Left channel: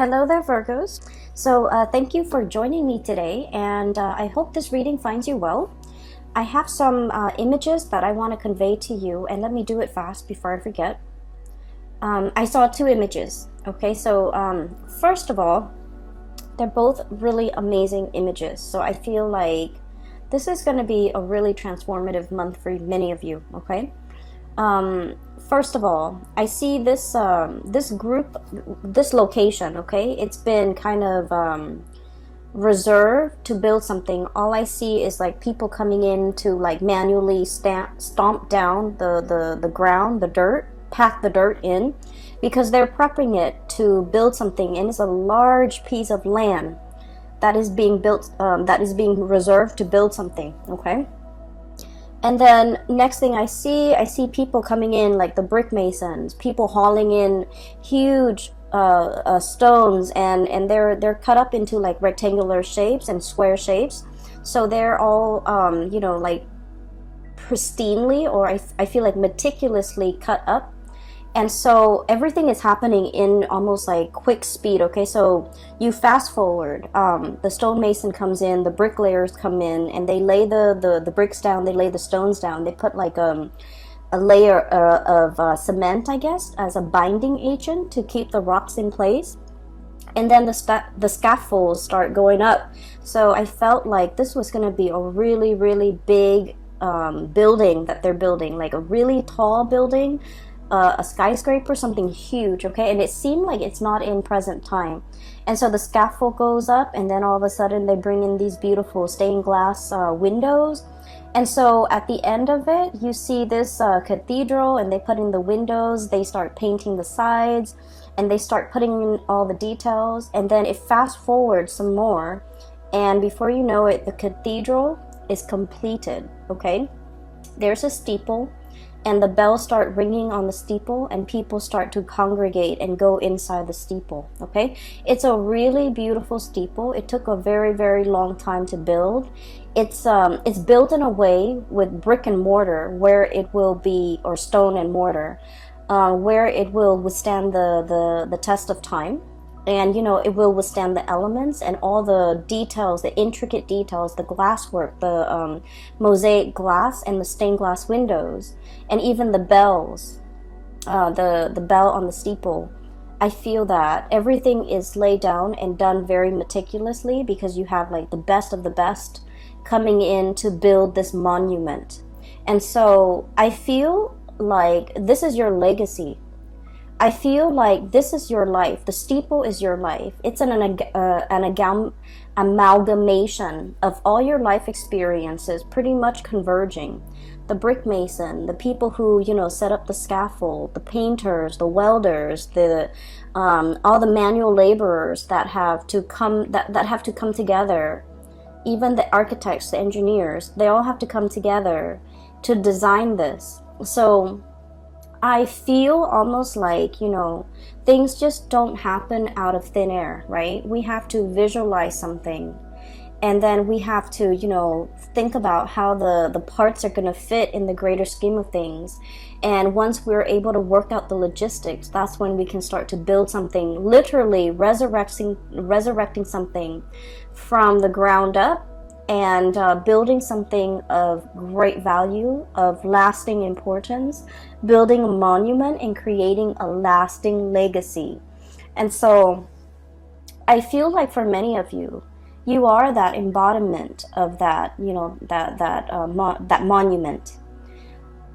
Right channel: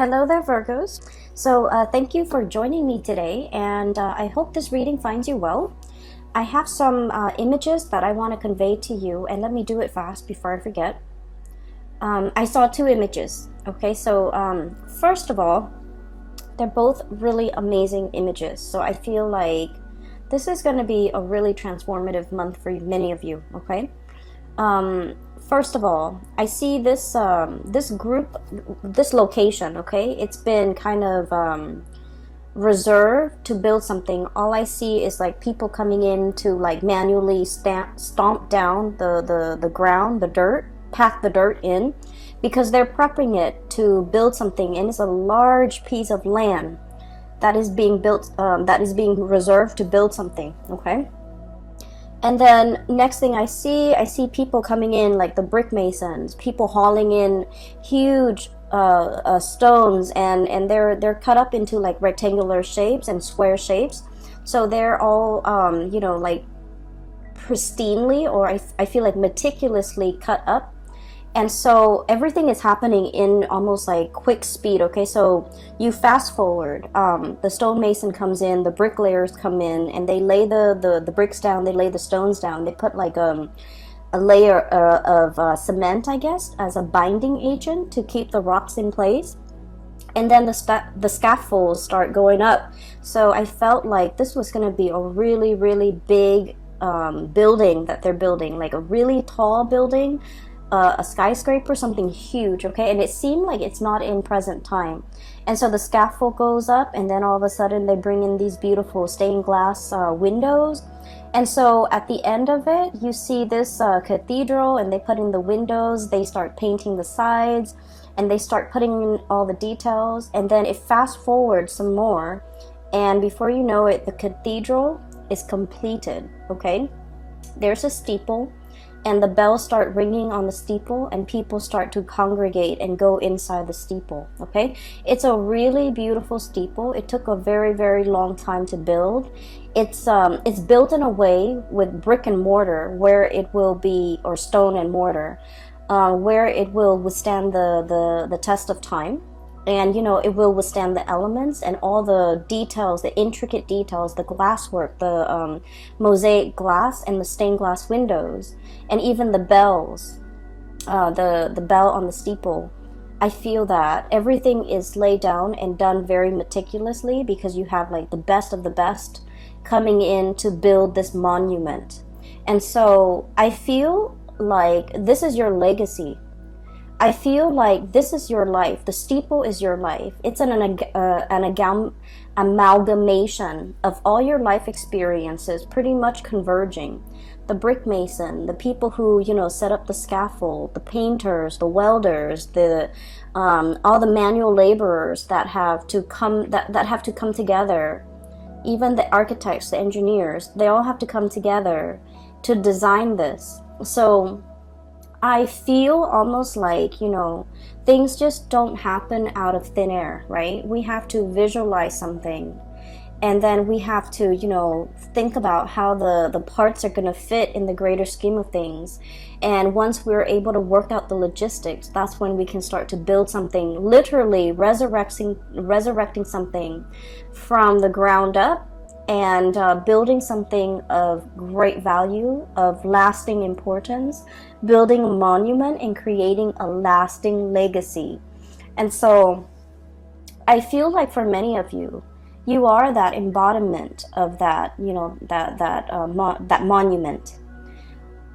Hello there, Virgos. Thank you for joining me today, and I hope this reading finds you well. I have some images that I want to convey to you, and let me do it fast before I forget. I saw two images. Okay, first of all, they're both really amazing images. So I feel like this is going to be a really transformative month for many of you. Okay. First of all, I see this group, this location. Okay, it's been kind of reserved to build something. All I see is like people coming in to like manually stomp down the ground, the dirt, pack the dirt in, because they're prepping it to build something, and it's a large piece of land that is being built, that is being reserved to build something. Okay. And then next thing I see people coming in, like the brick masons, people hauling in huge stones, and they're cut up into like rectangular shapes and square shapes. So they're all like pristinely, or I feel like meticulously cut up. And so everything is happening in almost like quick speed. Okay, so you fast forward, the stonemason comes in, the bricklayers come in, and they lay the bricks down, they lay the stones down, they put like a layer of cement, I guess, as a binding agent to keep the rocks in place. And then the scaffolds start going up. So I felt like this was going to be a really, really big building that they're building, like a really tall building, a skyscraper, something huge. Okay, and it seemed like it's not in present time. And so the scaffold goes up, and then all of a sudden they bring in these beautiful stained glass windows. And so at the end of it, you see this cathedral, and they put in the windows, they start painting the sides, and they start putting in all the details. And then it fast forwards some more, and before you know it, the cathedral is completed. Okay, there's a steeple, and the bells start ringing on the steeple, and people start to congregate and go inside the steeple. Okay, it's a really beautiful steeple. It took a very, very long time to build. It's built in a way with brick and mortar, where it will be, or stone and mortar, where it will withstand the test of time. And it will withstand the elements and all the details, the intricate details, the glasswork, the mosaic glass, and the stained glass windows, and even the bells, the bell on the steeple. I feel that everything is laid down and done very meticulously, because you have like the best of the best coming in to build this monument. And so I feel like this is your legacy. I feel like this is your life. The steeple is your life. It's an amalgamation of all your life experiences, pretty much converging. The brick mason, the people who set up the scaffold, the painters, the welders, the all the manual laborers that have to come together. Even the architects, the engineers, they all have to come together to design this. So I feel almost like, things just don't happen out of thin air, right? We have to visualize something, and then we have to, think about how the parts are going to fit in the greater scheme of things. And once we're able to work out the logistics, that's when we can start to build something, literally resurrecting something from the ground up, and building something of great value, of lasting importance, building a monument and creating a lasting legacy. And so I feel like for many of you, you are that embodiment of that, that monument.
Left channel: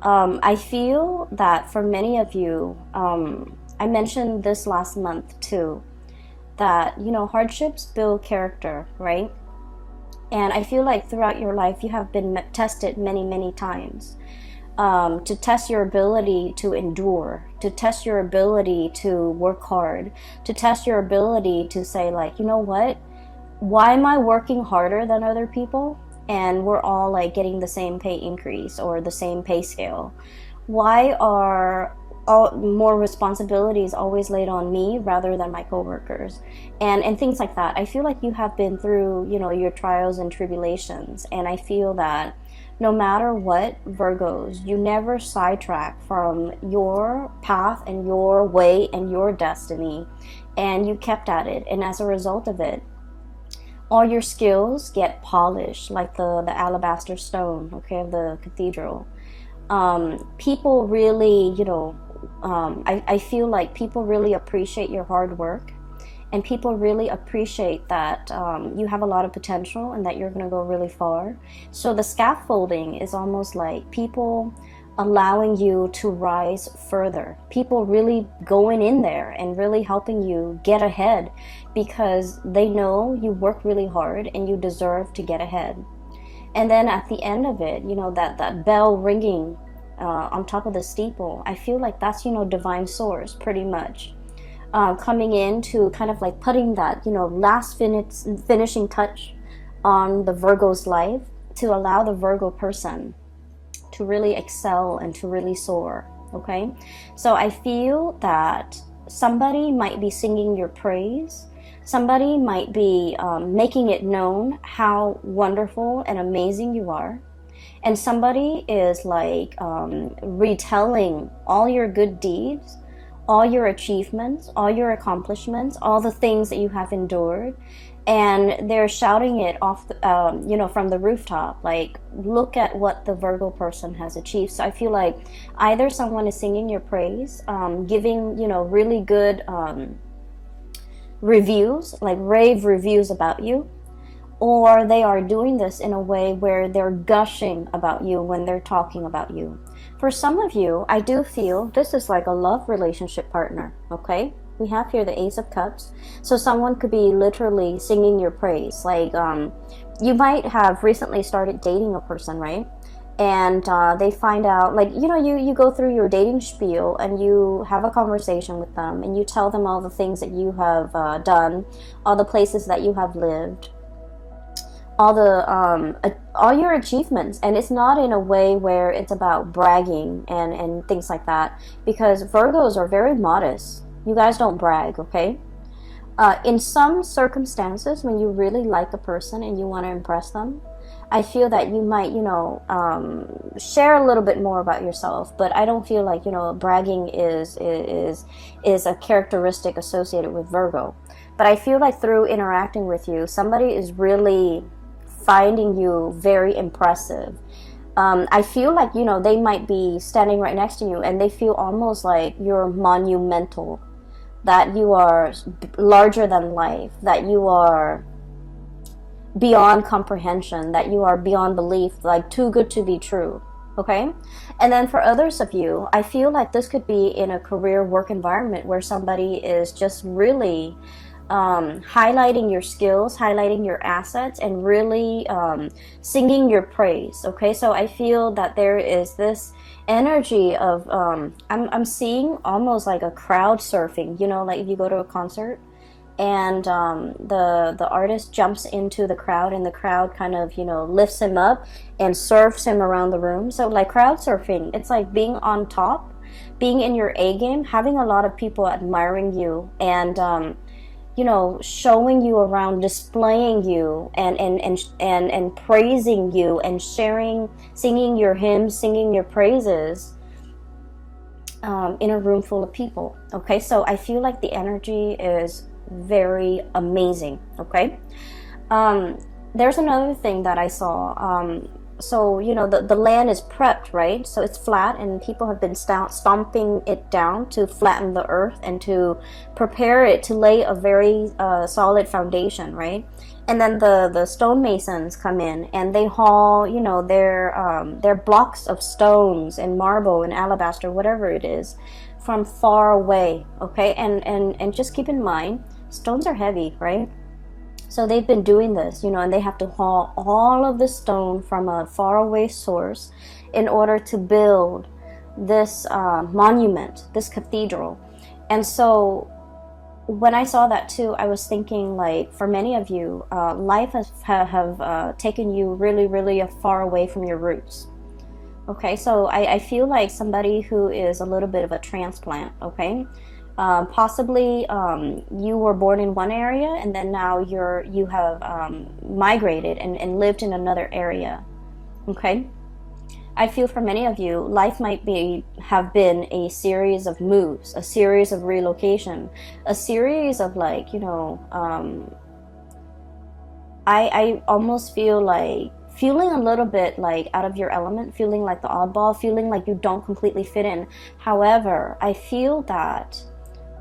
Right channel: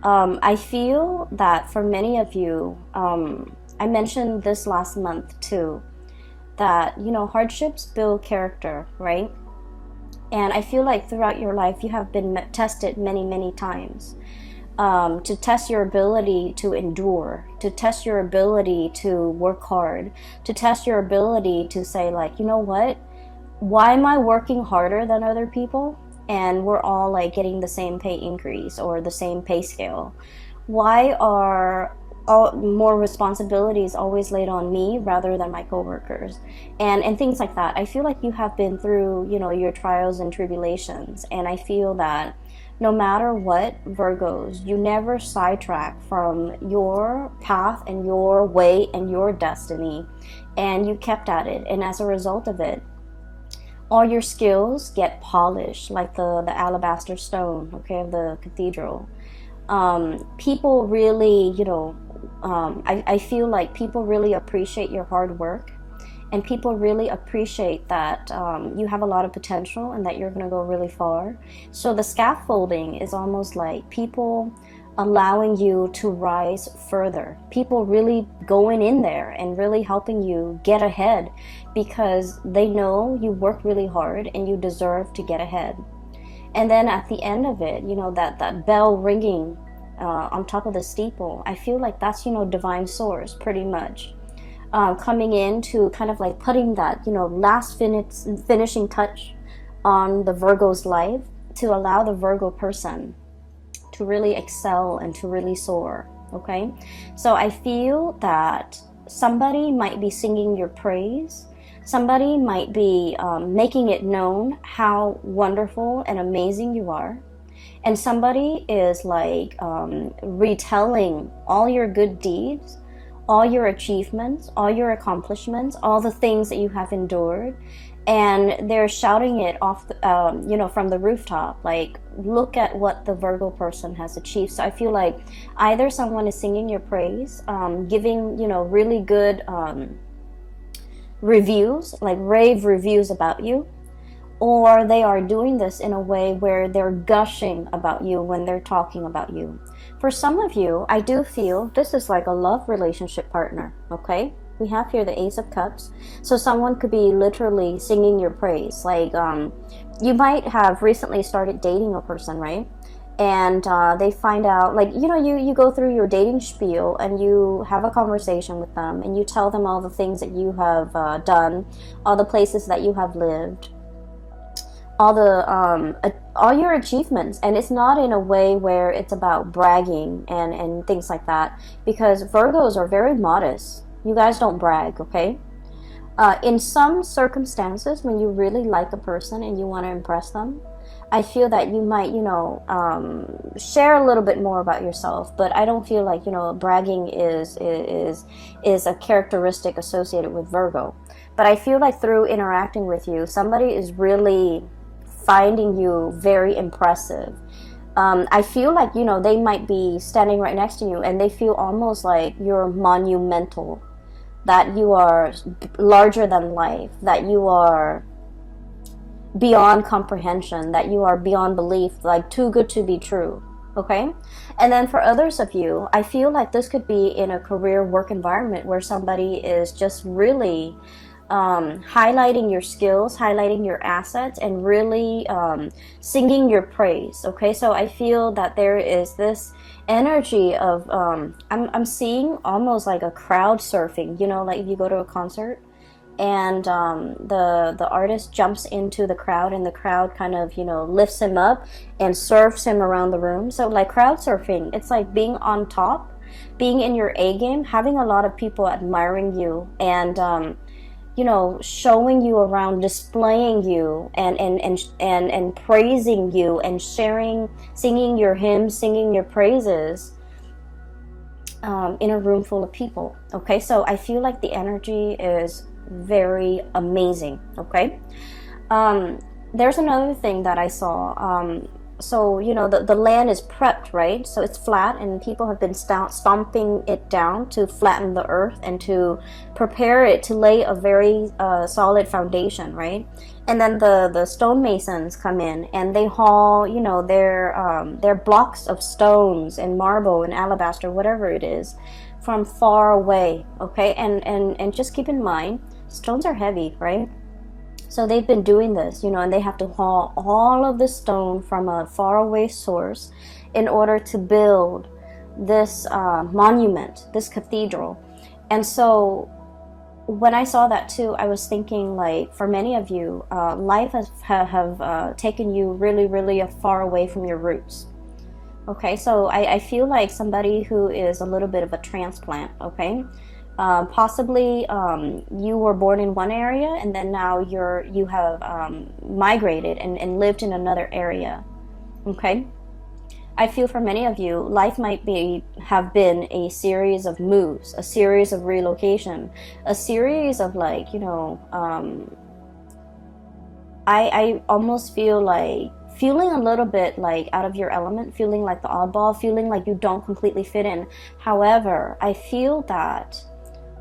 I feel that for many of you, I mentioned this last month too, that, hardships build character, right? And I feel like throughout your life, you have been tested many, many times, to test your ability to endure, to test your ability to work hard, to test your ability to say, like, you know what? Why am I working harder than other people? And we're all like getting the same pay increase or the same pay scale. Why are more responsibilities always laid on me rather than my coworkers, and things like that? I feel like you have been through, your trials and tribulations, and I feel that no matter what, Virgos, you never sidetrack from your path and your way and your destiny. and you kept at it, and as a result of it, all your skills get polished like the alabaster stone, okay, of the cathedral. People really, I feel like people really appreciate your hard work, and people really appreciate that you have a lot of potential and that you're going to go really far. So the scaffolding is almost like people allowing you to rise further, people really going in there and really helping you get ahead, because they know you work really hard and you deserve to get ahead. And then at the end of it, that bell ringing on top of the steeple, I feel like that's, divine source pretty much. Coming in to kind of like putting that, last finishing touch on the Virgo's life, to allow the Virgo person to really excel and to really soar, okay? So I feel that somebody might be singing your praise. Somebody might be making it known how wonderful and amazing you are. And somebody is like retelling all your good deeds, all your achievements, all your accomplishments, all the things that you have endured. And they're shouting it off, from the rooftop, like, look at what the Virgo person has achieved. So I feel like either someone is singing your praise, giving, really good reviews, like rave reviews about you, or they are doing this in a way where they're gushing about you when they're talking about you. For some of you, I do feel this is like a love relationship partner, okay? We have here the Ace of Cups. So someone could be literally singing your praise. Like, you might have recently started dating a person, right? And they find out, like, you go through your dating spiel and you have a conversation with them and you tell them all the things that you have done, all the places that you have lived, all your achievements. And it's not in a way where it's about bragging and things like that, because Virgos are very modest. You guys don't brag, okay? In some circumstances, when you really like a person and you want to impress them, I feel that you might, share a little bit more about yourself. But I don't feel like, bragging is a characteristic associated with Virgo. But I feel like through interacting with you, somebody is really finding you very impressive. I feel like, they might be standing right next to you and they feel almost like you're monumental, that you are larger than life, that you are beyond comprehension, that you are beyond belief, like too good to be true, okay? And then for others of you, I feel like this could be in a career work environment where somebody is just really highlighting your skills, highlighting your assets, and really singing your praise, okay? So I feel that there is this energy of I'm seeing almost like a crowd surfing, like if you go to a concert and the artist jumps into the crowd and the crowd kind of lifts him up and surfs him around the room. So like crowd surfing, it's like being on top, being in your A game, having a lot of people admiring you and showing you around, displaying you and praising you and sharing, singing your hymns, singing your praises in a room full of people. Okay, so I feel like the energy is very amazing. Okay, there's another thing that I saw. So, the land is prepped, right? So it's flat and people have been stomping it down to flatten the earth and to prepare it to lay a very solid foundation, right? And then the stonemasons come in and they haul, their blocks of stones and marble and alabaster, whatever it is, from far away, okay? And just keep in mind, stones are heavy, right? So they've been doing this, and they have to haul all of the stone from a faraway source in order to build this monument, this cathedral. And so when I saw that too, I was thinking, like, for many of you, life have taken you really, really far away from your roots. Okay, so I feel like somebody who is a little bit of a transplant, okay? Possibly you were born in one area and then now you have migrated and lived in another area, okay? I feel for many of you, life might have been a series of moves, a series of relocation, a series of like, I almost feel like feeling a little bit like out of your element, feeling like the oddball, feeling like you don't completely fit in. However, I feel that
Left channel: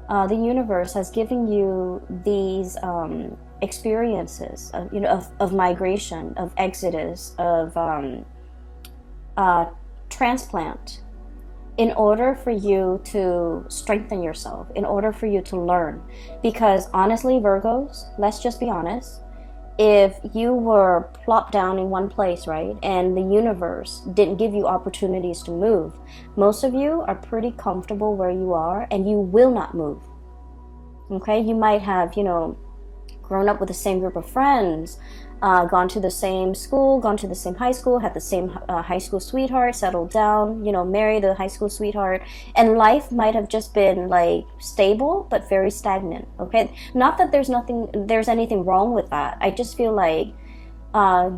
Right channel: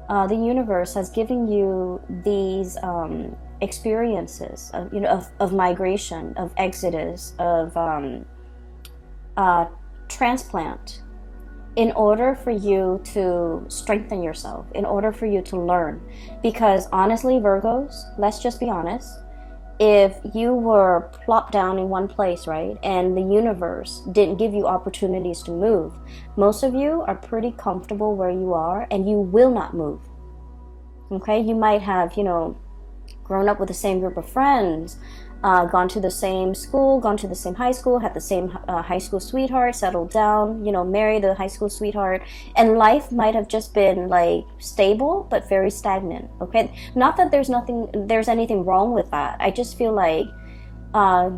the universe has given you these experiences of migration, of exodus, of transplant, in order for you to strengthen yourself, in order for you to learn. Because honestly, Virgos, let's just be honest, if you were plopped down in one place, right, and the universe didn't give you opportunities to move, most of you are pretty comfortable where you are and you will not move. Okay, you might have, grown up with the same group of friends, gone to the same school, gone to the same high school, had the same high school sweetheart, settled down, married a high school sweetheart, and life might have just been like stable but very stagnant. Okay, not that there's anything wrong with that. I just feel like,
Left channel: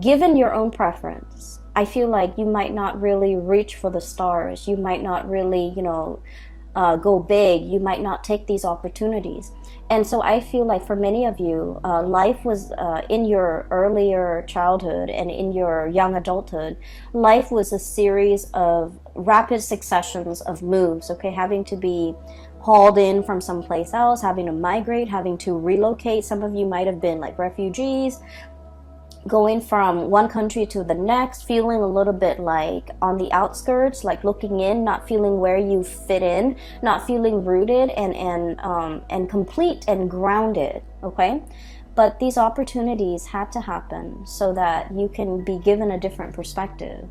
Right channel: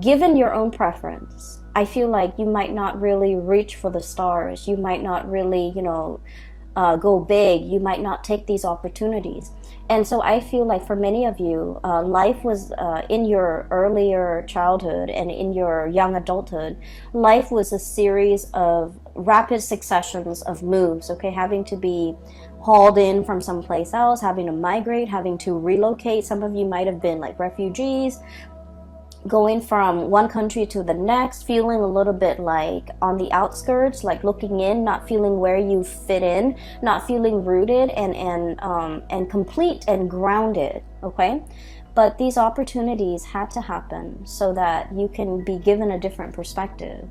given your own preference, I feel like you might not really reach for the stars. You might not really, go big. You might not take these opportunities. And so I feel like for many of you, life was in your earlier childhood and in your young adulthood, life was a series of rapid successions of moves, okay, having to be hauled in from someplace else, having to migrate, having to relocate. Some of you might have been like refugees, going from one country to the next, feeling a little bit like on the outskirts, like looking in, not feeling where you fit in, not feeling rooted and complete and grounded. Okay, but these opportunities had to happen so that you can be given a different perspective,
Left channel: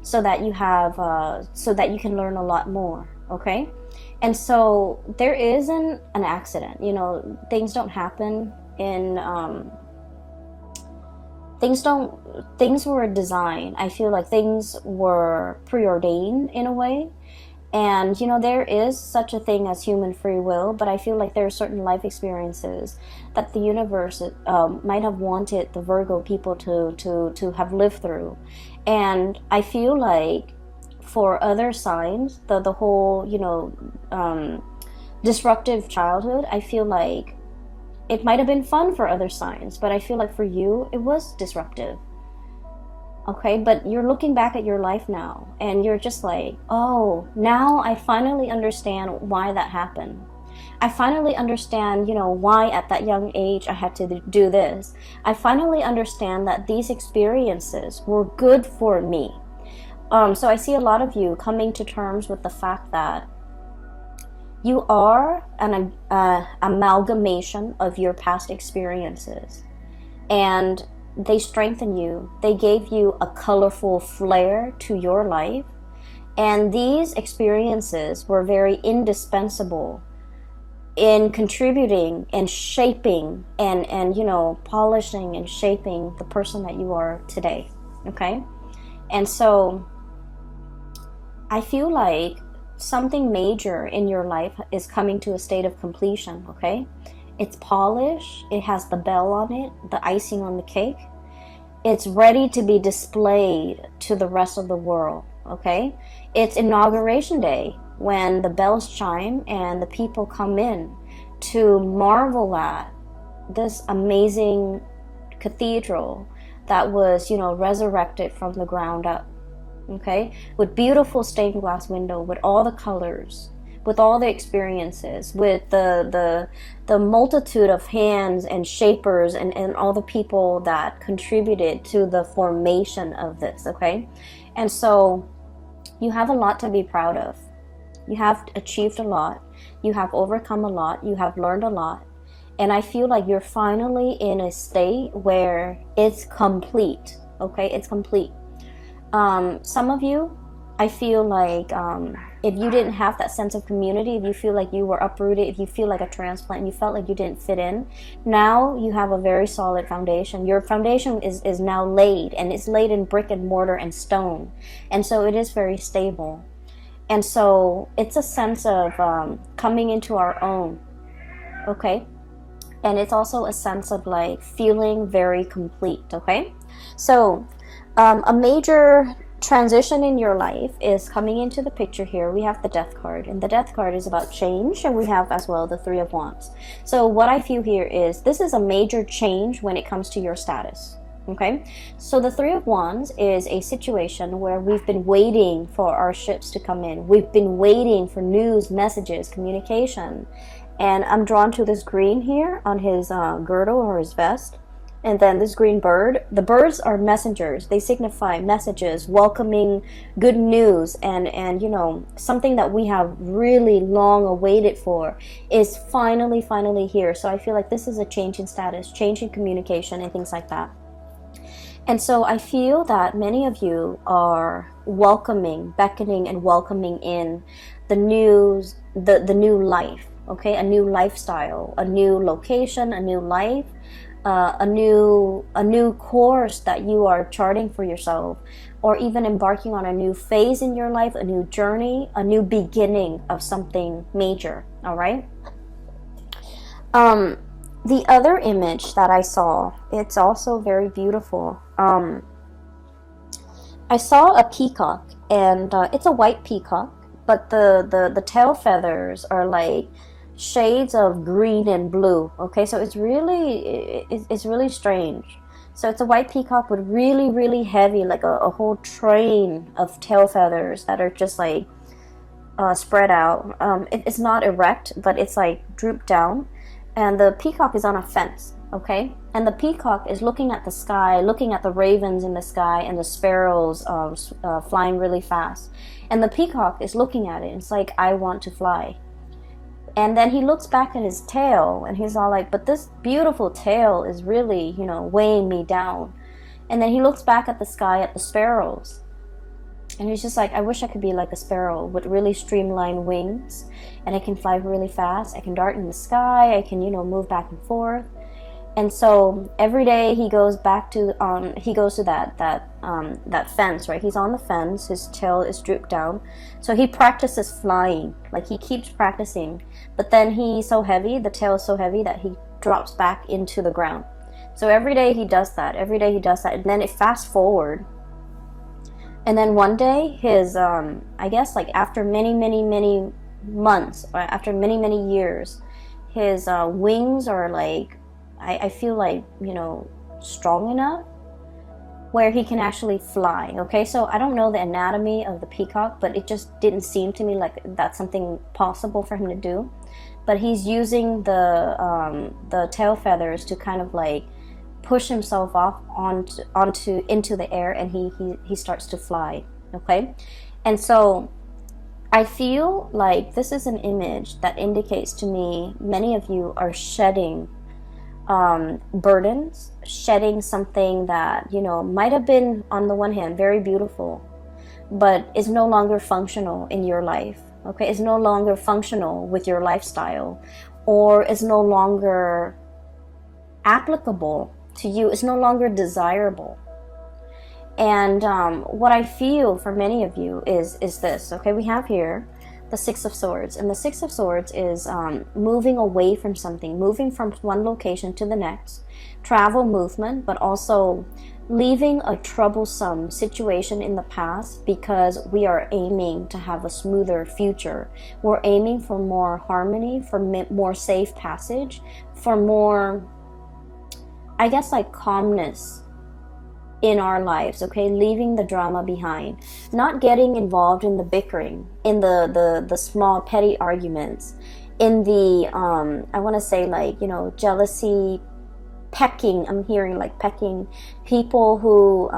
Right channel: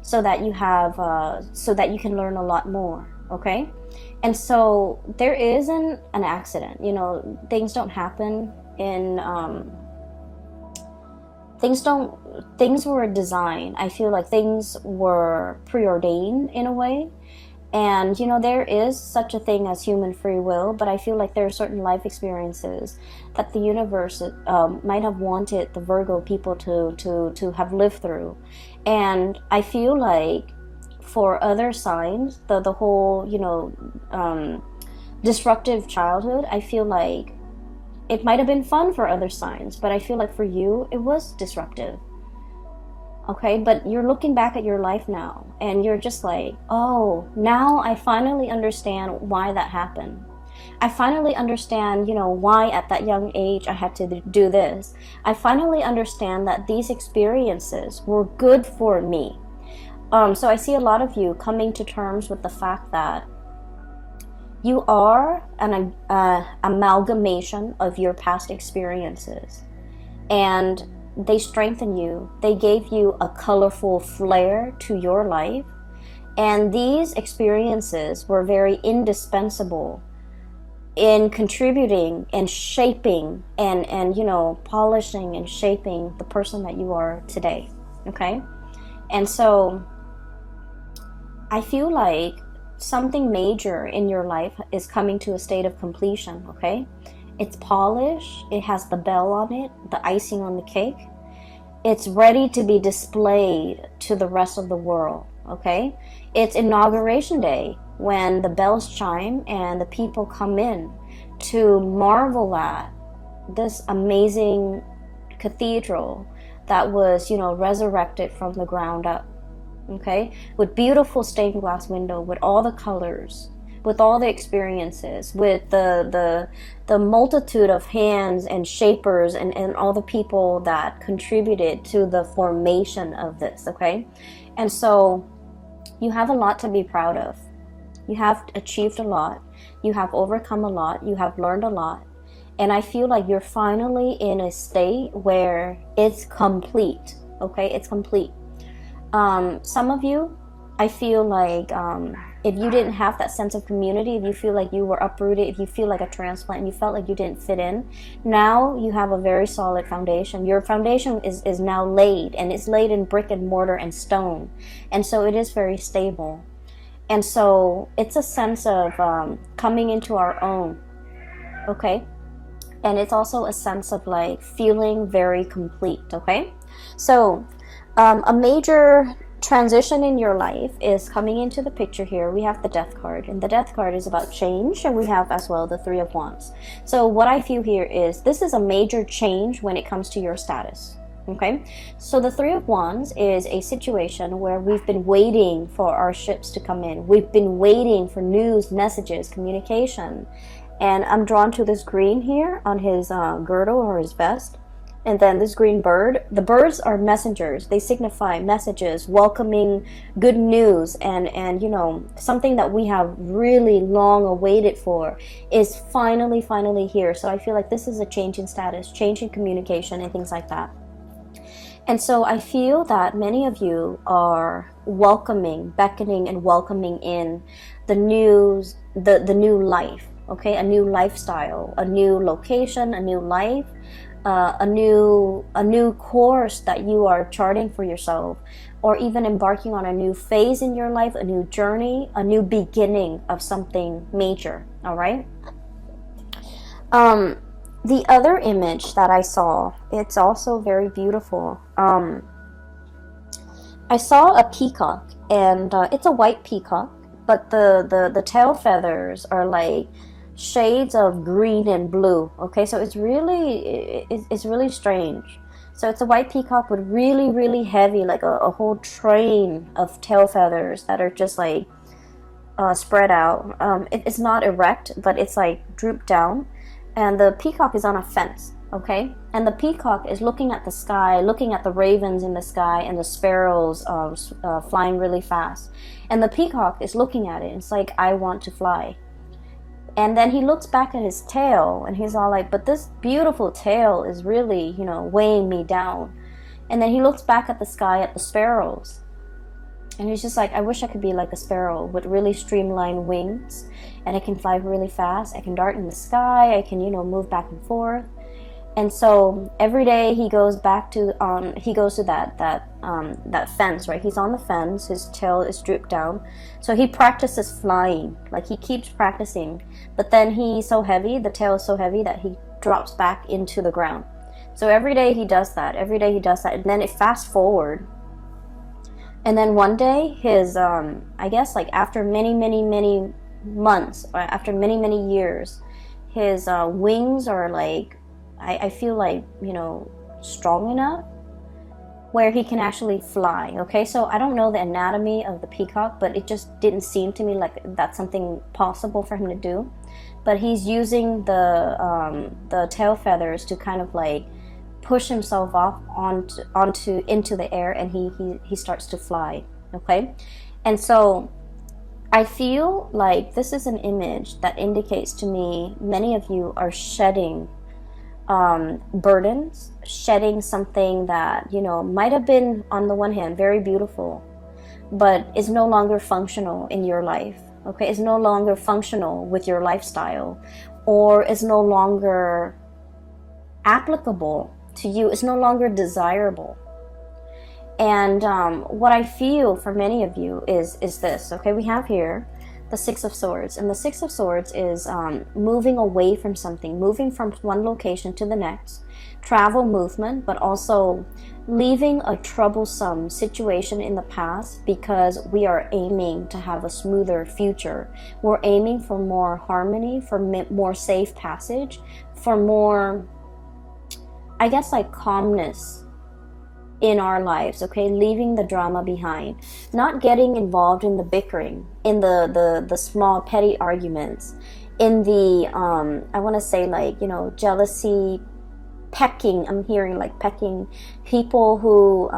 so that you can learn a lot more. Okay, and so there isn't an accident. Things don't happen in things were designed. I feel like things were preordained in a way. And there is such a thing as human free will, but I feel like there are certain life experiences that the universe might have wanted the Virgo people to have lived through. And I feel like for other signs, the whole disruptive childhood, I feel like it might have been fun for other signs, but I feel like for you, it was disruptive. Okay, but you're looking back at your life now, and you're just like, oh, now I finally understand why that happened. I finally understand, why at that young age I had to do this. I finally understand that these experiences were good for me. So I see a lot of you coming to terms with the fact that you are an amalgamation of your past experiences, and they strengthen you. They gave you a colorful flair to your life, and these experiences were very indispensable in contributing and shaping and polishing and shaping the person that you are today. Okay, and so I feel like something major in your life is coming to a state of completion. Okay, it's polished, it has the bell on it, the icing on the cake, it's ready to be displayed to the rest of the world. Okay, it's inauguration day, when the bells chime and the people come in to marvel at this amazing cathedral that was resurrected from the ground up. Okay, with beautiful stained glass window, with all the colors, with all the experiences, with the multitude of hands and shapers and all the people that contributed to the formation of this. Okay, and so you have a lot to be proud of. You have achieved a lot, you have overcome a lot, you have learned a lot, and I feel like you're finally in a state where it's complete. Okay, it's complete. Some of you, I feel like if you didn't have that sense of community, if you feel like you were uprooted, if you feel like a transplant and you felt like you didn't fit in, now you have a very solid foundation. Your foundation is now laid, and it's laid in brick and mortar and stone, and so it is very stable. And so it's a sense of coming into our own. Okay, and it's also a sense of like feeling very complete. Okay, so a major transition in your life is coming into the picture here. We have the Death card, and the Death card is about change, and we have as well the Three of Wands. So what I feel here is this is a major change when it comes to your status. Okay, so the Three of Wands is a situation where we've been waiting for our ships to come in. We've been waiting for news, messages, communication. And I'm drawn to this green here on his girdle or his vest. And then this green bird. The birds are messengers. They signify messages, welcoming good news. And you know, something that we have really long awaited for is finally here. So I feel like this is a change in status, change in communication, and things like that. And so I feel that many of you are welcoming, beckoning and welcoming in the news, the new life, okay? A new lifestyle, a new location, a new life, a new course that you are charting for yourself, or even embarking on a new phase in your life, a new journey, a new beginning of something major, all right? The other image that I saw, it's also very beautiful. I saw a peacock, and it's a white peacock, but the tail feathers are like shades of green and blue. Okay, so it's really strange. So it's a white peacock with really heavy, like a whole train of tail feathers that are just like spread out. It's not erect, but it's like drooped down. And the peacock is on a fence, okay? And the peacock is looking at the sky, looking at the ravens in the sky and the sparrows flying really fast. And the peacock is looking at it. It's like, I want to fly. And then he looks back at his tail, and he's all like, but this beautiful tail is really, you know, weighing me down. And then he looks back at the sky, at the sparrows. And he's just like, I wish I could be like a sparrow with really streamlined wings, and I can fly really fast. I can dart in the sky. I can, you know, move back and forth. And so every day he goes back to that fence, right? He's on the fence. His tail is drooped down, so he practices flying. Like, he keeps practicing, but then he's so heavy. The tail is so heavy that he drops back into the ground. So every day he does that. And then it fast forward. And then one day, his, I guess, like, after many months, or after many years, his wings are, like, I feel like, you know, strong enough where he can actually fly, okay? So I don't know the anatomy of the peacock, but it just didn't seem to me like that's something possible for him to do. But he's using the tail feathers to kind of, like, push himself off into the air, and he starts to fly, okay? And so I feel like this is an image that indicates to me many of you are shedding burdens, shedding something that, you know, might have been, on the one hand, very beautiful, but is no longer functional in your life, okay? It's no longer functional with your lifestyle, or is no longer applicable to you. It's no longer desirable. And what I feel for many of you is this, okay? We have here the Six of Swords, and the Six of Swords is moving away from something, moving from one location to the next, travel, movement, but also leaving a troublesome situation in the past, because we are aiming to have a smoother future. We're aiming for more harmony, for more safe passage, for more, I guess, like, calmness in our lives, okay? Leaving the drama behind, not getting involved in the bickering, in the small petty arguments, in the I want to say, like, you know, jealousy, pecking. I'm hearing, like, pecking, people who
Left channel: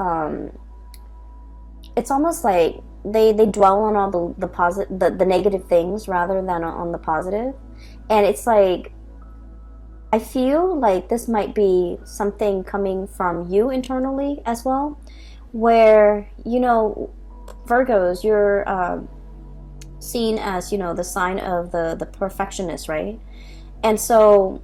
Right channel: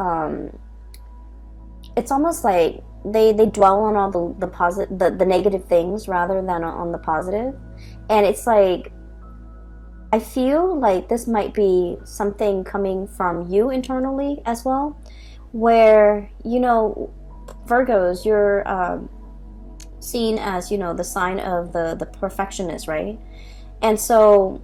it's almost like they dwell on all the negative things rather than on the positive. And it's like, I feel like this might be something coming from you internally as well, where, you know, Virgos, you're seen as, you know, the sign of the perfectionist, right? And so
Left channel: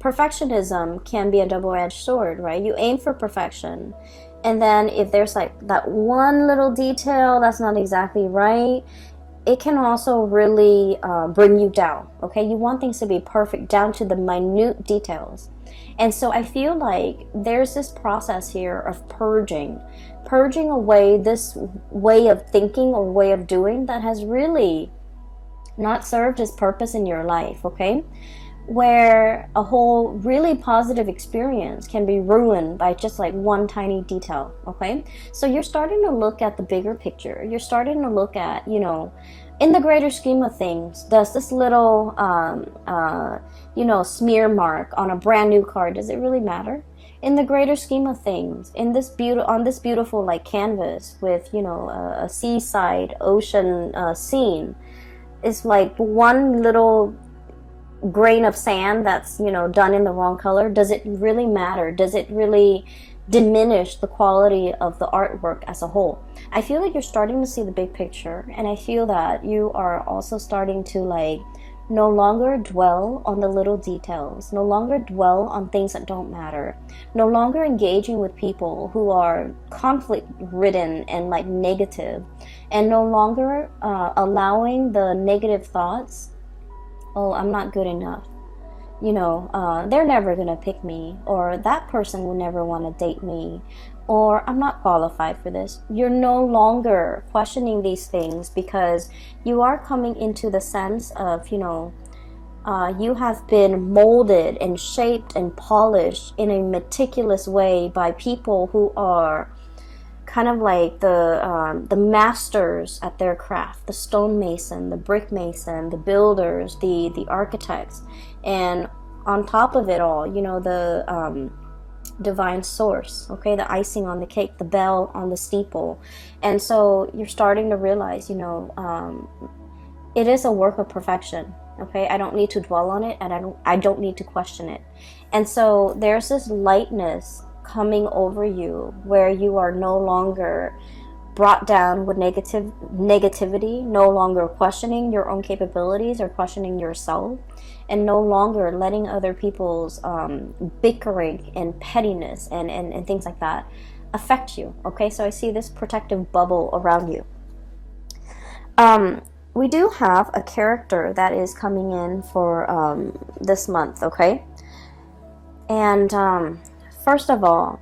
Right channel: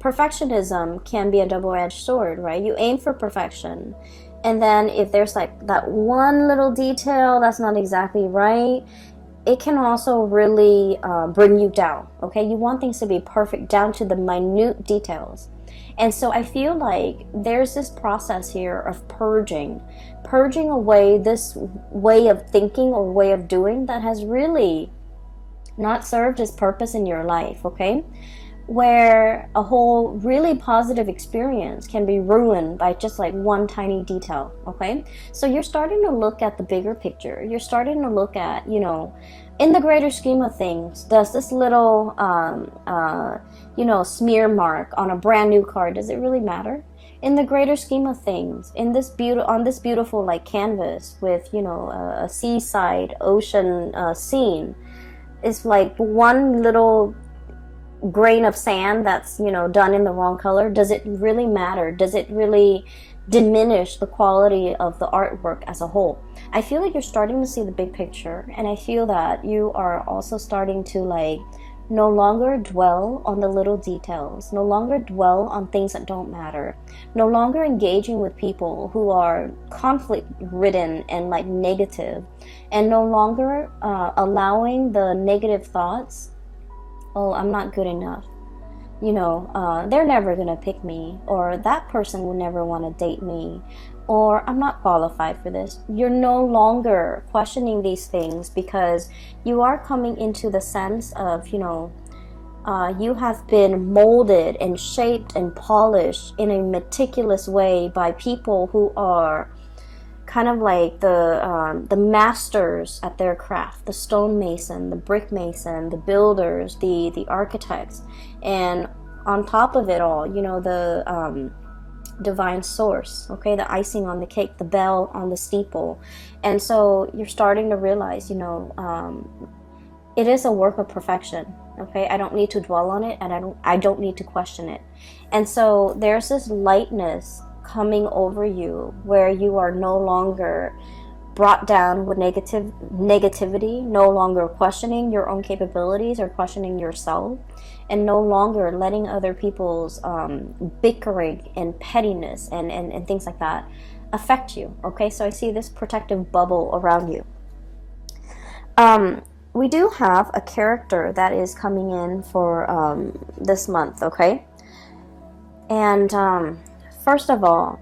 perfectionism can be a double-edged sword, right? You aim for perfection, and then if there's, like, that one little detail that's not exactly right, it can also really bring you down, okay? You want things to be perfect down to the minute details. And so I feel like there's this process here of purging away this way of thinking or way of doing that has really not served its purpose in your life, okay? Where a whole really positive experience can be ruined by just like one tiny detail, okay? So you're starting to look at the bigger picture. You're starting to look at, you know, in the greater scheme of things, does this little, you know, smear mark on a brand new car, does it really matter? In the greater scheme of things, in this on this beautiful like canvas with, you know, a seaside ocean scene, it's like one little grain of sand that's, you know, done in the wrong color. Does it really matter? Does it really diminish the quality of the artwork as a whole? I feel like you're starting to see the big picture, and I feel that you are also starting to like no longer dwell on the little details, no longer dwell on things that don't matter, no longer engaging with people who are conflict ridden and like negative, and no longer allowing the negative thoughts, oh, I'm not good enough, you know, they're never gonna pick me, or that person will never want to date me, or I'm not qualified for this. You're no longer questioning these things because you are coming into the sense of, you know, you have been molded and shaped and polished in a meticulous way by people who are kind of like the masters at their craft, the stonemason, the brick mason, the builders, the architects, and on top of it all, you know, the divine source, okay, the icing on the cake, the bell on the steeple. And so you're starting to realize, you know, it is a work of perfection, okay? I don't need to dwell on it, and I don't need to question it. And so there's this lightness coming over you where you are no longer brought down with negativity, no longer questioning your own capabilities or questioning yourself, and no longer letting other people's bickering and pettiness and things like that affect you, okay? So I see this protective bubble around you. We do have a character that is coming in for this month, okay? And first of all,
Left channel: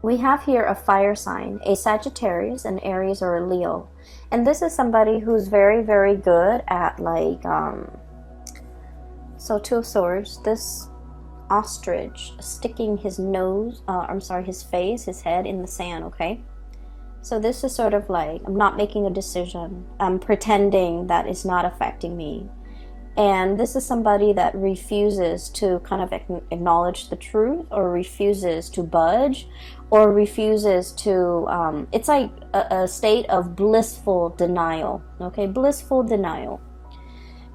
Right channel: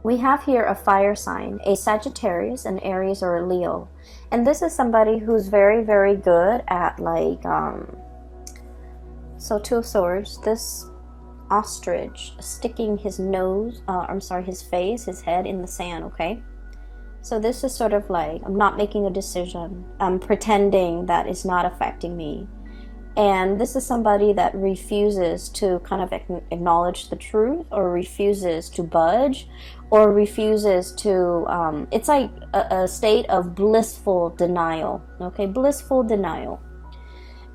we have here a fire sign, a Sagittarius, an Aries, or a Leo. And this is somebody who's very, very good at like, so Two of Swords, this ostrich sticking his nose, his face, his head in the sand, okay? So this is sort of like, I'm not making a decision. I'm pretending that it's not affecting me. And this is somebody that refuses to kind of acknowledge the truth, or refuses to budge, or refuses to, it's like a state of blissful denial, okay? Blissful denial.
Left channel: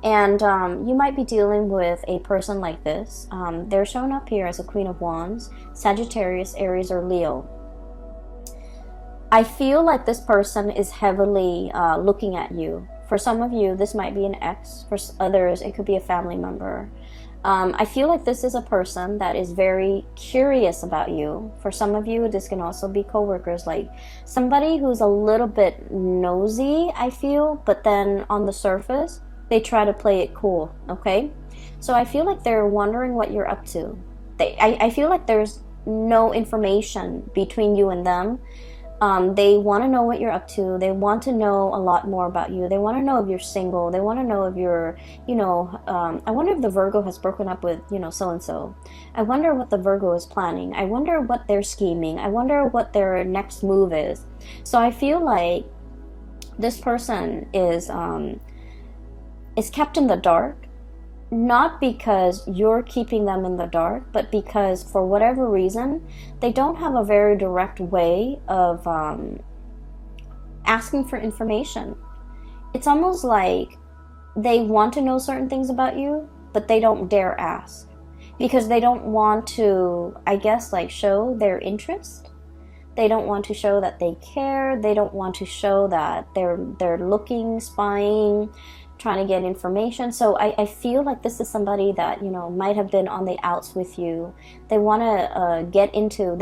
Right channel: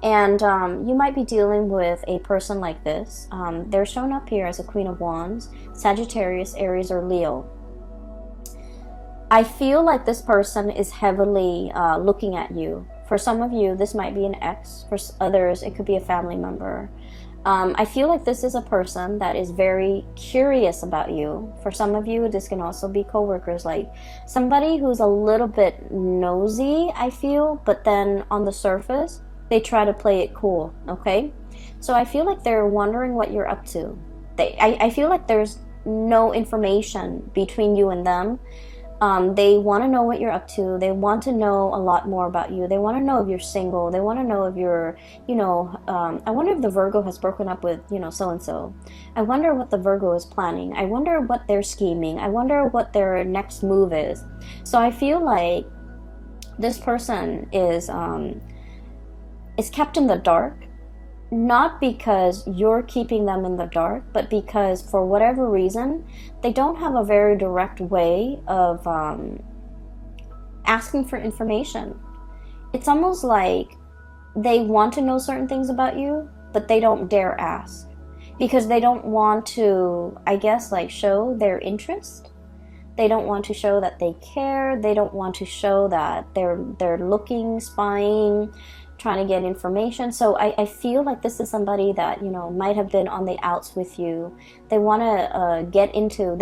And you might be dealing with a person like this. They're shown up here as a Queen of Wands, Sagittarius, Aries, or Leo. I feel like this person is heavily looking at you. For some of you, this might be an ex. For others, it could be a family member. I feel like this is a person that is very curious about you. For some of you, this can also be coworkers, like somebody who's a little bit nosy, I feel, but then on the surface, they try to play it cool, okay? So I feel like they're wondering what you're up to. I feel like there's no information between you and them. They want to know what you're up to. They want to know a lot more about you. They want to know if you're single. They want to know if you're, you know, I wonder if the Virgo has broken up with, you know, so-and-so. I wonder what the Virgo is planning. I wonder what they're scheming. I wonder what their next move is. So I feel like this person is kept in the dark. Not because you're keeping them in the dark, but because for whatever reason, they don't have a very direct way of asking for information. It's almost like they want to know certain things about you, but they don't dare ask. Because they don't want to, I guess, like show their interest. They don't want to show that they care. They don't want to show that they're looking, spying, trying to get information. So I feel like this is somebody that, you know, might have been on the outs with you. They want to get into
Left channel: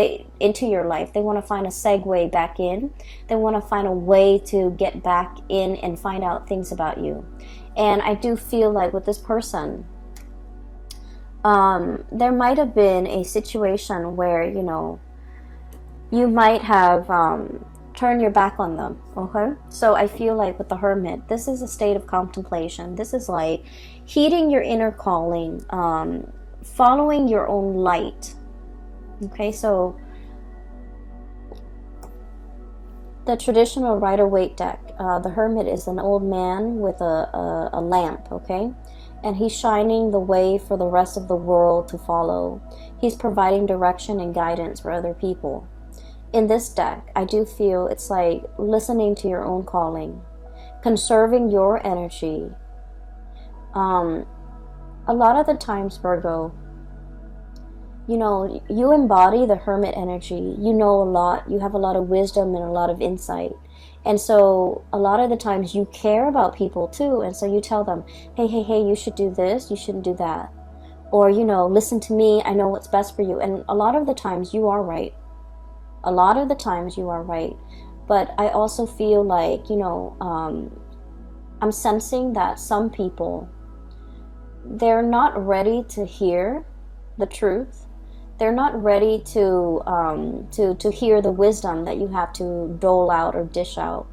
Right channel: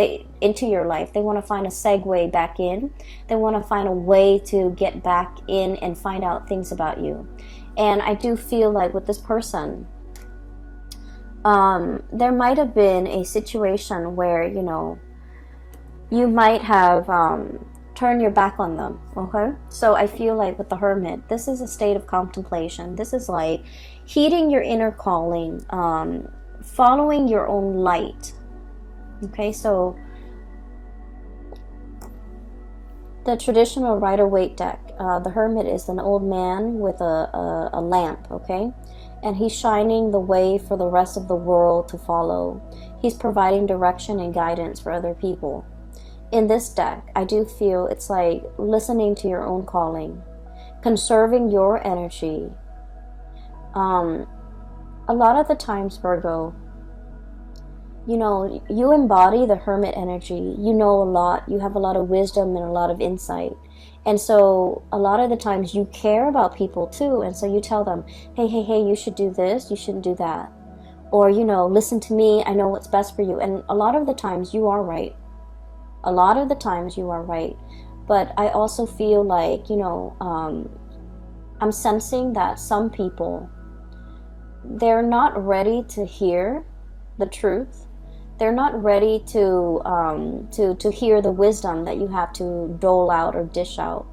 your life. They want to find a segue back in. They want to find a way to get back in and find out things about you. And I do feel like with this person, There might have been a situation where, you might have turned your back on them, okay? So I feel like with the Hermit, this is a state of contemplation. This is like heeding your inner calling, following your own light, okay? So the traditional Rider-Waite deck, the Hermit is an old man with a lamp, okay? And he's shining the way for the rest of the world to follow. He's providing direction and guidance for other people. In this deck, I do feel it's like listening to your own calling, conserving your energy. A lot of the times, Virgo, you embody the Hermit energy. You know a lot. You have a lot of wisdom and a lot of insight. And so a lot of the times you care about people too. And so you tell them, hey, you should do this. You shouldn't do that. Or, listen to me. I know what's best for you. And a lot of the times you are right. A lot of the times you are right. But I also feel like, I'm sensing that some people, they're not ready to hear the truth. They're not ready to hear the wisdom that you have to dole out or dish out.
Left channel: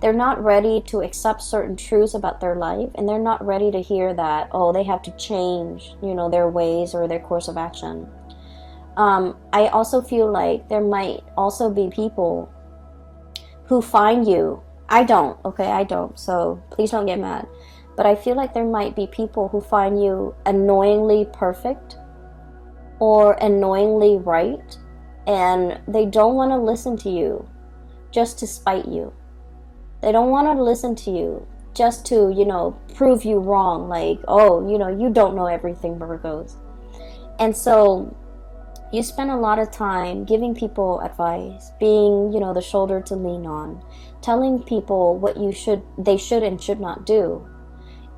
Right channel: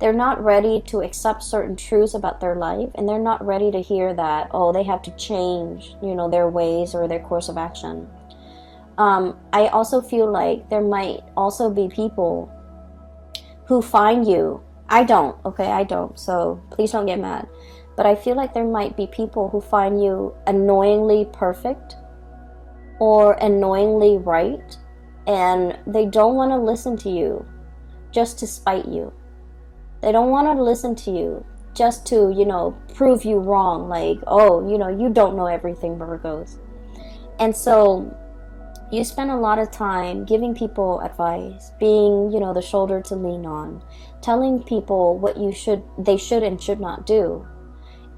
They're not ready to accept certain truths about their life, and they're not ready to hear that, they have to change, their ways or their course of action. I also feel like there might also be people who find you. I don't, so please don't get mad. But I feel like there might be people who find you annoyingly perfect or annoyingly right, and they don't want to listen to you just to spite you. They don't want to listen to you just to, prove you wrong, like, you don't know everything, Virgos. And so you spend a lot of time giving people advice, being, the shoulder to lean on, telling people what they should and should not do.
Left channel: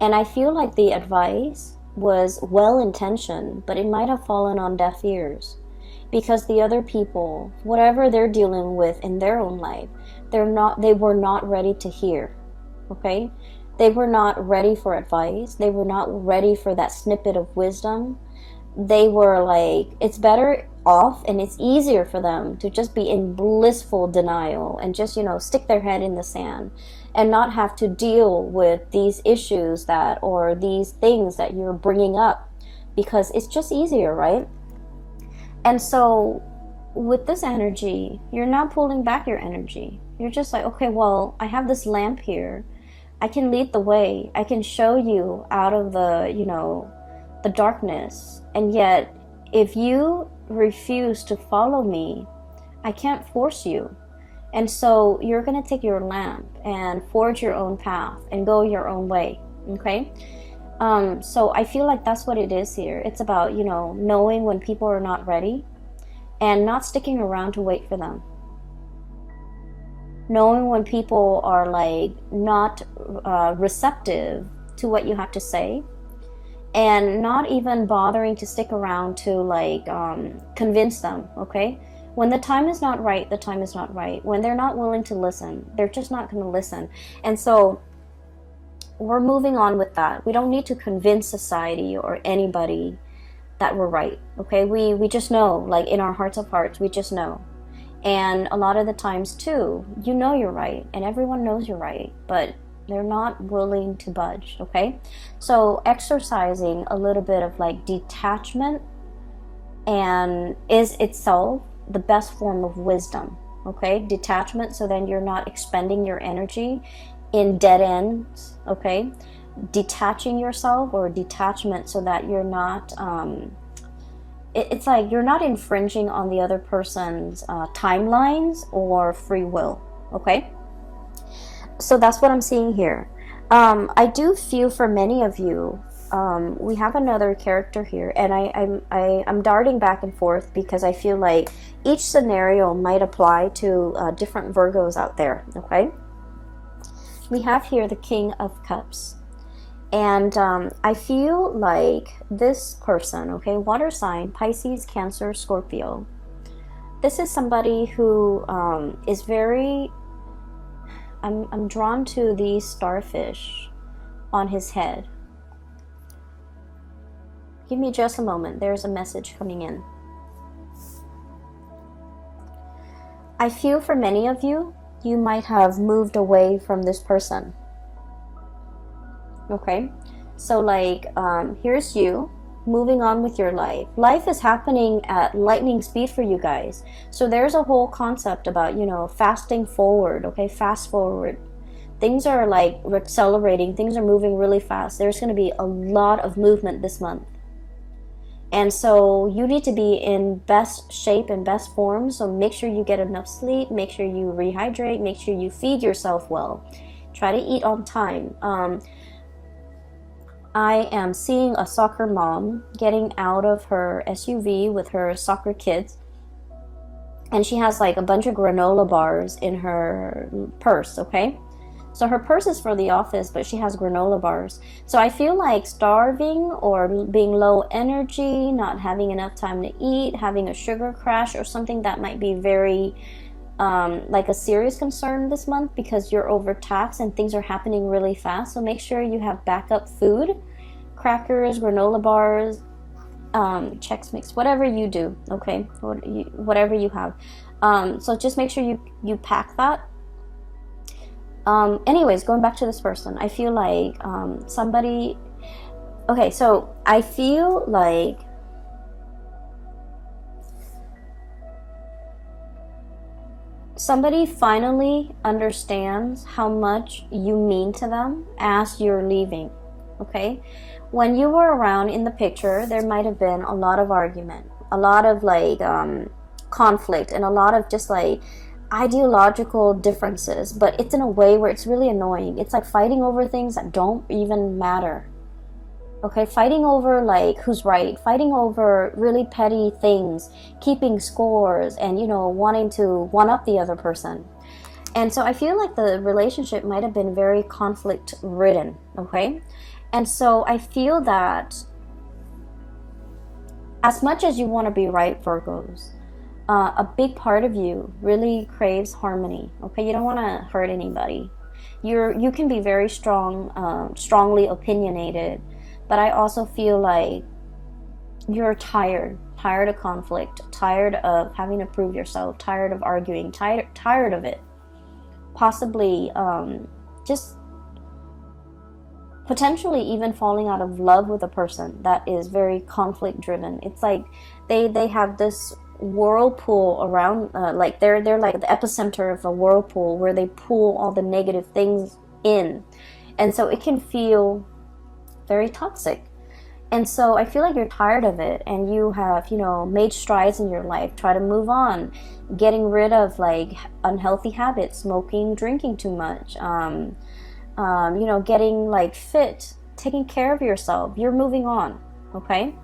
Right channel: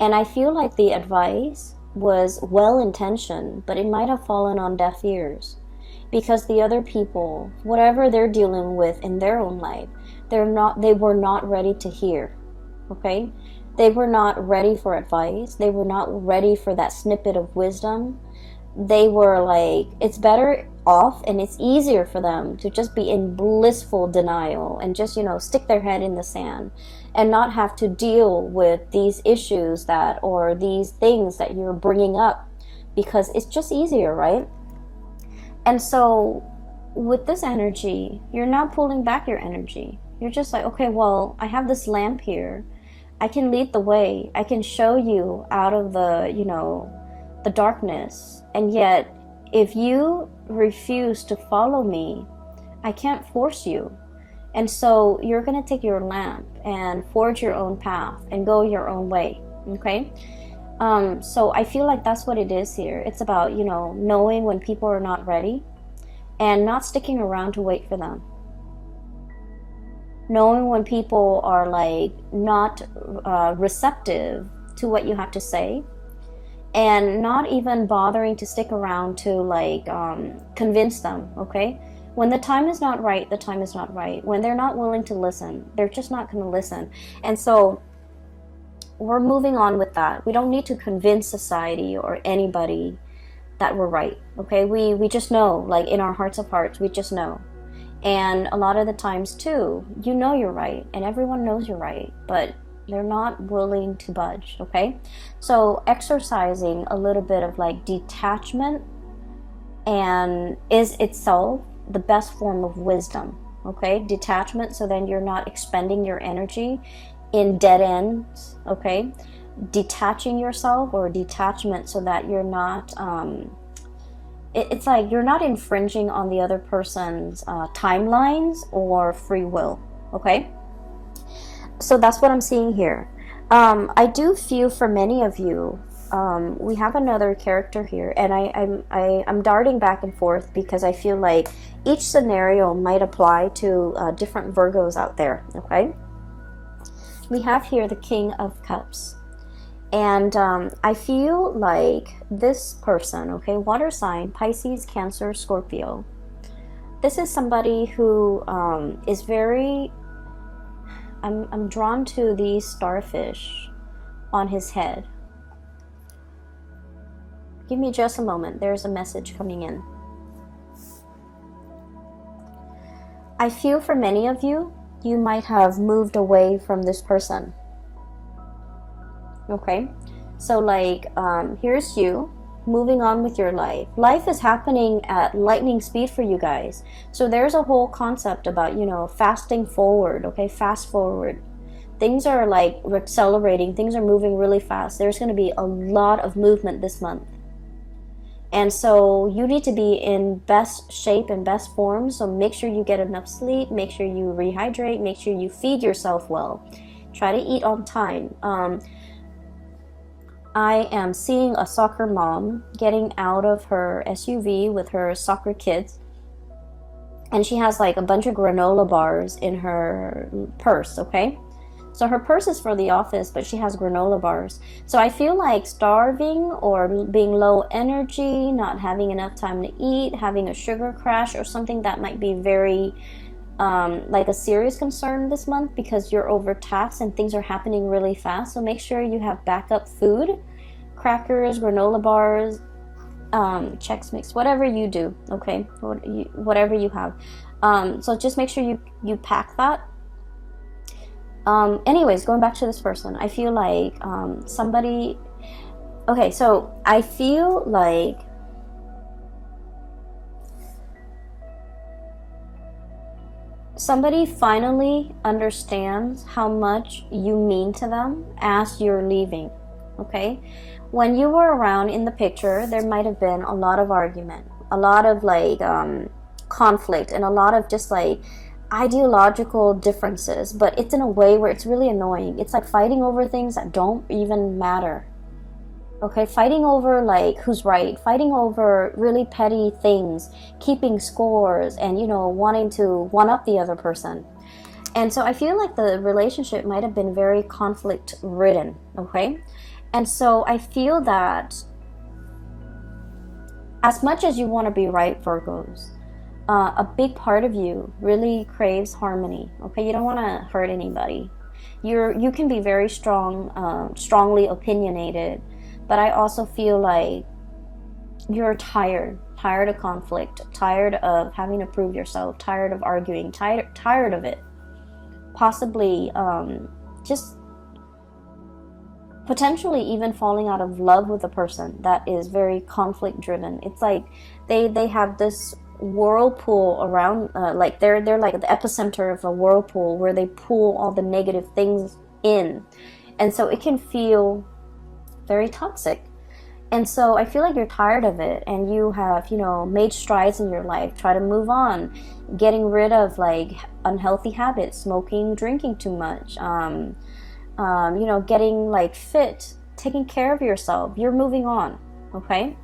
And I feel like the advice was well-intentioned, but it might have fallen on deaf ears, because the other people, whatever they're dealing with in their own life, they were not ready to hear, okay? They were not ready for advice. They were not ready for that snippet of wisdom. They were like, it's better off and it's easier for them to just be in blissful denial and just, stick their head in the sand and not have to deal with these issues or these things that you're bringing up, because it's just easier, right? And so with this energy, you're not pulling back your energy. You're just like, okay, well, I have this lamp here. I can lead the way. I can show you out of the darkness. And yet, if you refuse to follow me, I can't force you. And so you're going to take your lamp and forge your own path and go your own way, okay? So I feel like that's what it is here. It's about, knowing when people are not ready and not sticking around to wait for them. Knowing when people are like not receptive to what you have to say, and not even bothering to stick around to like convince them, okay? When the time is not right, the time is not right. When they're not willing to listen, they're just not going to listen. And so we're moving on with that. We don't need to convince society or anybody that we're right, okay? We just know, like in our hearts of hearts, we just know. And a lot of the times too, you're right, and everyone knows you're right, but they're not willing to budge, okay? So exercising a little bit of like detachment and is itself the best form of wisdom, okay? Detachment, so then you're not expending your energy in dead ends, okay? Detaching yourself, or detachment, so that you're not it's like you're not infringing on the other person's timelines or free will, okay? So that's what I'm seeing here. I do feel for many of you, we have another character here, and I'm darting back and forth because I feel like each scenario might apply to different Virgos out there, okay? We have here the King of Cups. And I feel like this person, okay, water sign, Pisces, Cancer, Scorpio. This is somebody who is very... I'm drawn to the starfish on his head. Give me just a moment. There's a message coming in. I feel for many of you, you might have moved away from this person. Okay? So like, here's you moving on with your life. Life is happening at lightning speed for you guys. So there's a whole concept about, you know, fasting forward, okay? Fast forward. Things are like accelerating. Things are moving really fast. There's going to be a lot of movement this month. And so you need to be in best shape and best form. So make sure you get enough sleep. Make sure you rehydrate. Make sure you feed yourself well. Try to eat on time. I am seeing a soccer mom getting out of her SUV with her soccer kids. And she has like a bunch of granola bars in her purse, okay? So her purse is for the office, but she has granola bars. So I feel like starving or being low energy, not having enough time to eat, having a sugar crash or something that might be very like a serious concern this month because you're overtaxed and things are happening really fast. So make sure you have backup food, crackers, granola bars, Chex Mix, whatever you do, okay? Whatever you have. So just make sure you pack that. Anyways, going back to this person, I feel like somebody... Okay, so I feel like somebody finally understands how much you mean to them as you're leaving, okay? When you were around in the picture, there might have been a lot of argument, a lot of like conflict, and a lot of just like ideological differences, but it's in a way where it's really annoying. It's like fighting over things that don't even matter. Okay, fighting over like who's right, fighting over really petty things, keeping scores, and you know, wanting to one up the other person. And so I feel like the relationship might have been very conflict ridden, okay? And so I feel that as much as you want to be right, Virgos, a big part of you really craves harmony. Okay, you don't want to hurt anybody. You can be very strongly opinionated, but I also feel like you're tired of conflict, tired of having to prove yourself, tired of arguing, tired of it. Possibly just potentially even falling out of love with a person that is very conflict driven. It's like they have this whirlpool around, like they're like the epicenter of a whirlpool where they pull all the negative things in, and so it can feel very toxic. And so I feel like you're tired of it, and you have, you know, made strides in your life, try to move on, getting rid of like unhealthy habits, smoking, drinking too much, you know, getting like fit, taking care of yourself. You're moving on, okay?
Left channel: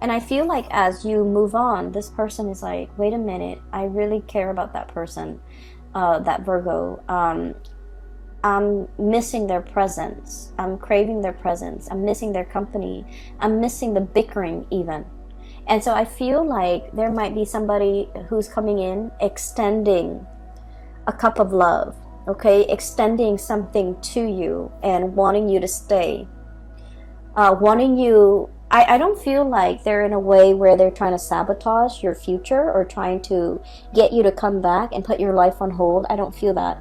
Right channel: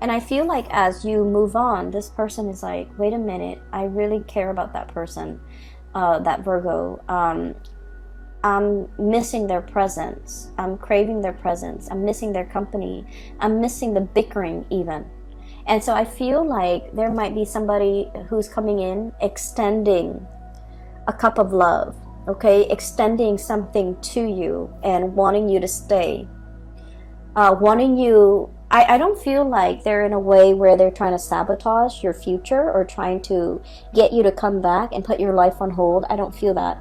And I feel like as you move on, this person is like, wait a minute, I really care about that person, that Virgo. I'm missing their presence. I'm craving their presence. I'm missing their company. I'm missing the bickering even. And so I feel like there might be somebody who's coming in, extending a cup of love, okay? Extending something to you and wanting you to stay. Wanting you... I don't feel like they're in a way where they're trying to sabotage your future or trying to get you to come back and put your life on hold. I don't feel that.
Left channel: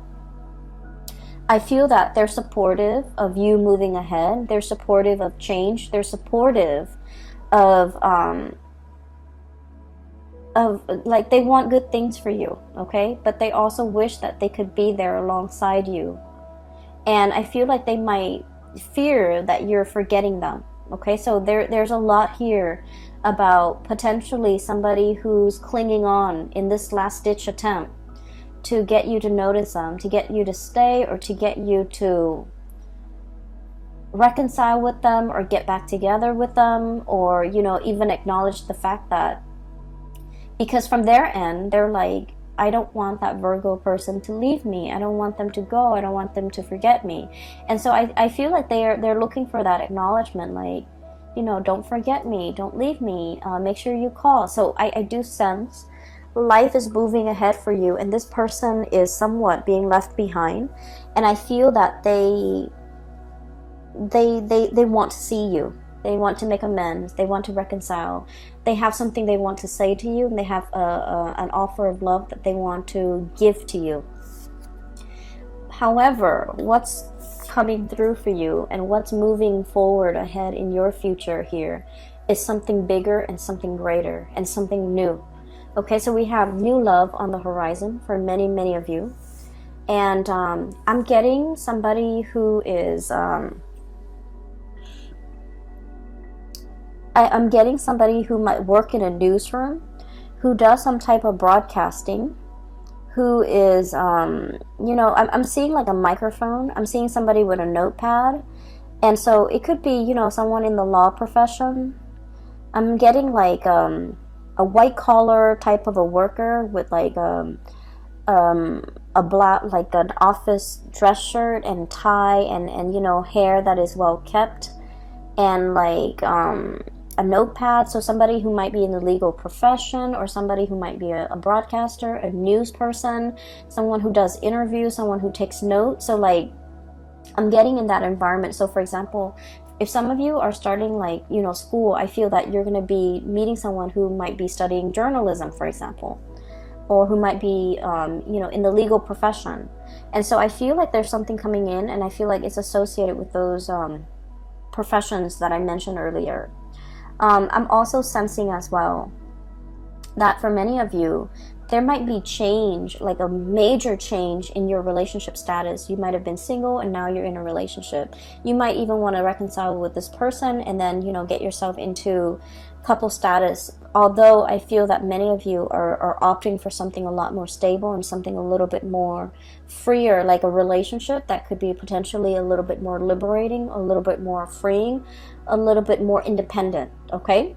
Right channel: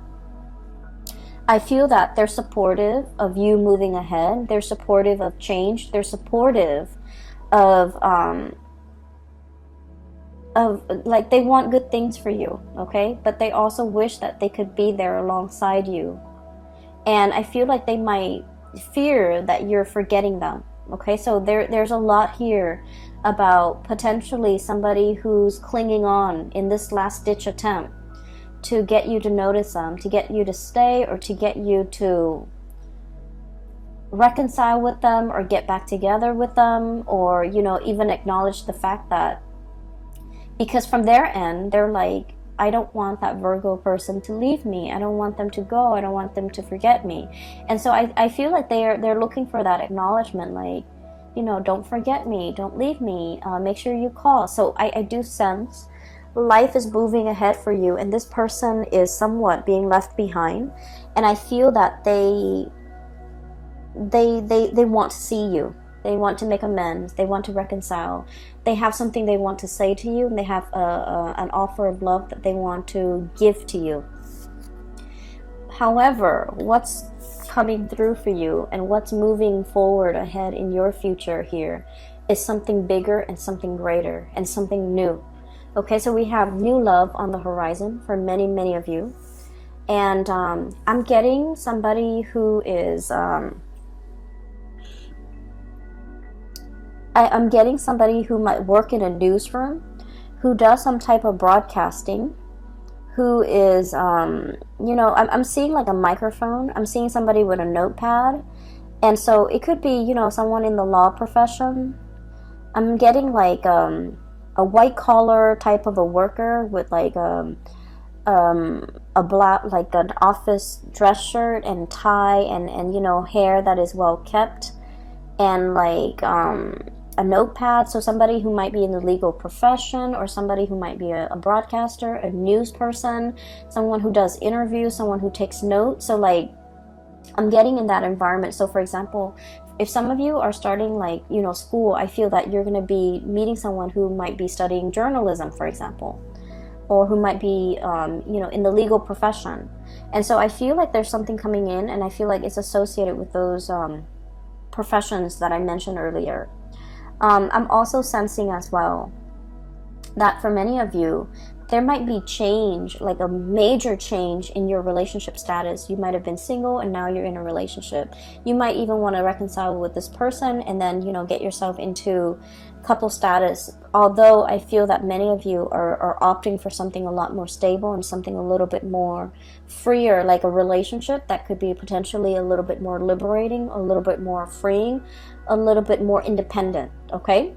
I feel that they're supportive of you moving ahead. They're supportive of change. They're supportive of like they want good things for you, okay? But they also wish that they could be there alongside you. And I feel like they might fear that you're forgetting them. Okay, so there's a lot here about potentially somebody who's clinging on in this last-ditch attempt to get you to notice them, to get you to stay, or to get you to reconcile with them or get back together with them, or, you know, even acknowledge the fact that, because from their end, they're like, I don't want that Virgo person to leave me. I don't want them to go. I don't want them to forget me. And so I feel like they're looking for that acknowledgement, like, you know, don't forget me, don't leave me, make sure you call. So I do sense life is moving ahead for you, and this person is somewhat being left behind. And I feel that they want to see you. They want to make amends. They want to reconcile. They have something they want to say to you, and they have an offer of love that they want to give to you. However, what's coming through for you and what's moving forward ahead in your future here is something bigger and something greater and something new. Okay, so we have new love on the horizon for many, many of you. And I'm getting somebody who is... I'm getting somebody who might work in a newsroom, who does some type of broadcasting, who is, you know, I'm seeing like a microphone. I'm seeing somebody with a notepad. And so it could be, you know, someone in the law profession. I'm getting like a white collar type of a worker with like a black, like an office dress shirt and tie and you know, hair that is well kept, and like a notepad. So somebody who might be in the legal profession, or somebody who might be a broadcaster, a news person, someone who does interviews, someone who takes notes. So like I'm getting in that environment. So for example, if some of you are starting like, you know, school, I feel that you're going to be meeting someone who might be studying journalism, for example, or who might be you know, in the legal profession. And so I feel like there's something coming in, and I feel like it's associated with those professions that I mentioned earlier. I'm also sensing as well that for many of you, there might be change, like a major change in your relationship status. You might have been single and now you're in a relationship. You might even want to reconcile with this person and then, you know, get yourself into couple status. Although I feel that many of you are opting for something a lot more stable and something a little bit more freer, like a relationship that could be potentially a little bit more liberating, a little bit more freeing, a little bit more independent, okay?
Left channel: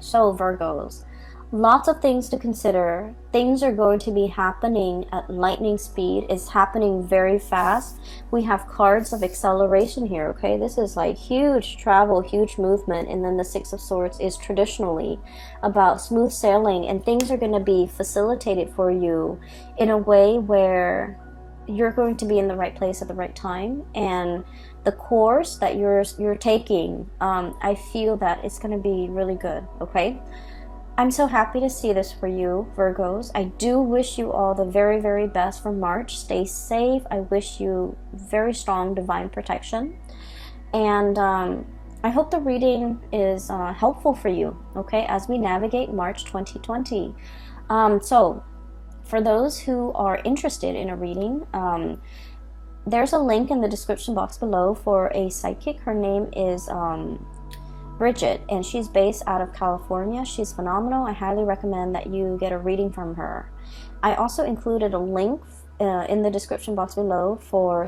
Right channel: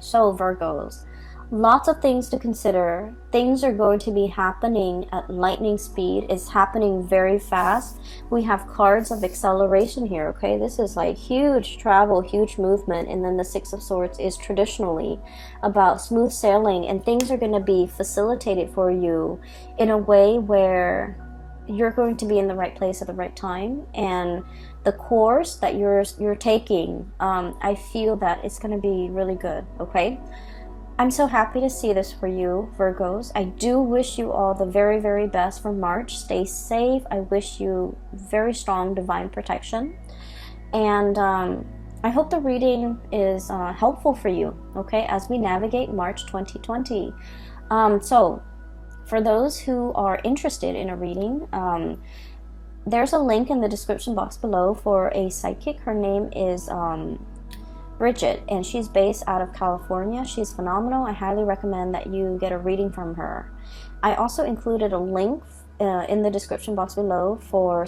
So Virgos, lots of things to consider. Things are going to be happening at lightning speed. It's happening very fast. We have cards of acceleration here, okay? This is like huge travel, huge movement. And then the Six of Swords is traditionally about smooth sailing, and things are going to be facilitated for you in a way where you're going to be in the right place at the right time. And the course that you're taking, I feel that it's going to be really good, okay? I'm so happy to see this for you, Virgos. I do wish you all the very, very best for March. Stay safe. I wish you very strong divine protection. And I hope the reading is helpful for you, okay, as we navigate March 2020. So, for those who are interested in a reading, there's a link in the description box below for a psychic. Her name is... Bridget, and she's based out of California. She's phenomenal. I highly recommend that you get a reading from her. I also included a link in the description box below for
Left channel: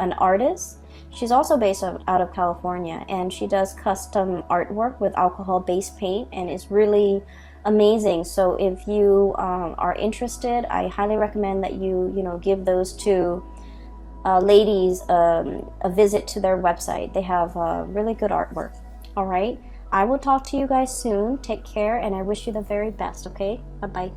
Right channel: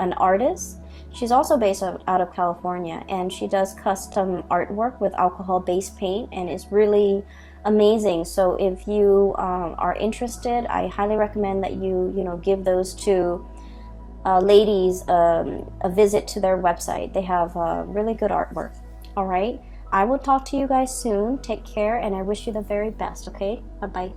an artist. She's also based out of California, and she does custom artwork with alcohol-based paint, and it's really amazing. So if you are interested, I highly recommend that you give those two ladies a visit to their website. They have really good artwork. All right, I will talk to you guys soon. Take care, and I wish you the very best, okay? Bye-bye.